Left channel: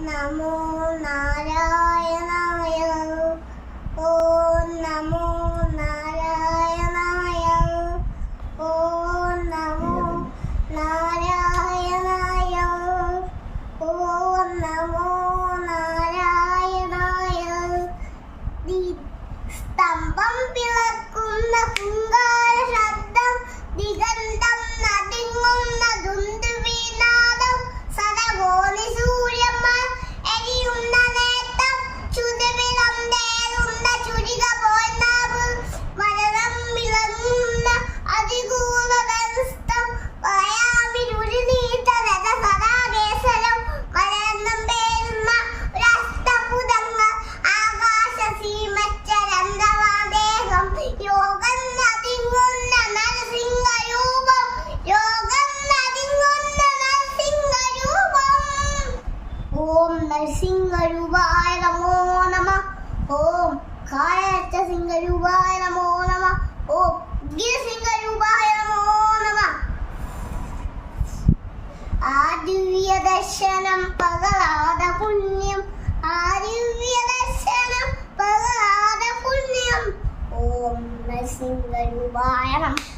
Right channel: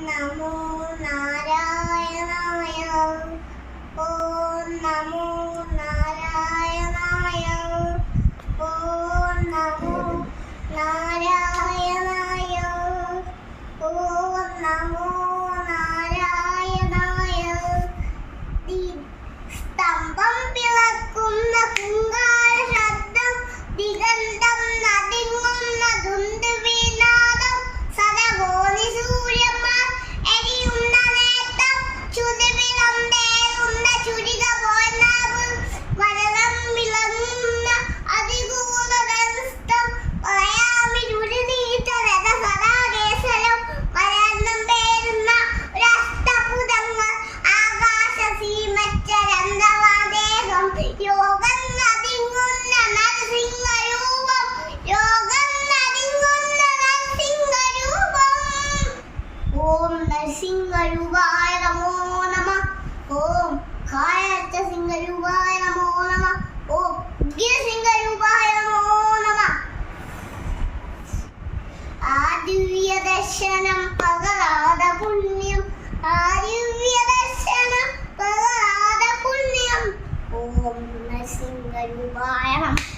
നമോ നാരായണായ. ഓം നമോ നാരായണായ. ഓം നമോ നാരായണായ. ഓം നമോ നാരായണായ. സ്തംഭം പിളക്കുന്ന ഹുങ്കാര ശബ്ദം, ദിഗന്ധം നടുങ്ങുന്ന ദുന്ദുഭിനാദം, സരഗോണി സൂര്യന്മാർ എരിയുന്ന നേട്ടം, ചുതിവിളം തേരുന്ന ചുരിക പോനാവ്, വരദം വിളങ്ങുന്ന അതികൂലതം, പറയാമിരുളി നീട്ട രഥ സദാകേശരം, വരന്നം പേരുന്ന ഒരസ്തപുതങ്ങ, ആകാശ സീമച്ചരന്തവാദേഹം, യോഗം നദിങ്ങുന്ന നരസിംഹരൂപം, യോഗം നദിങ്ങുന്ന നരസിംഹരൂപം. ഓം നരസിംഹരൂപായ നമോ നമഃ. ഓം കായച്ച സിംഹരൂപായ നമോ നമഃ. ഓം ഗിരസിംഹരൂപായ നമോ നമഃ. ആ ദിവ്യ ദർശനം പകരാത പുണ്യം, ആ ദിവ്യ ദർശനം പകരാത പുണ്യം. ഓം നരസിംഹരൂപായ നമഃ.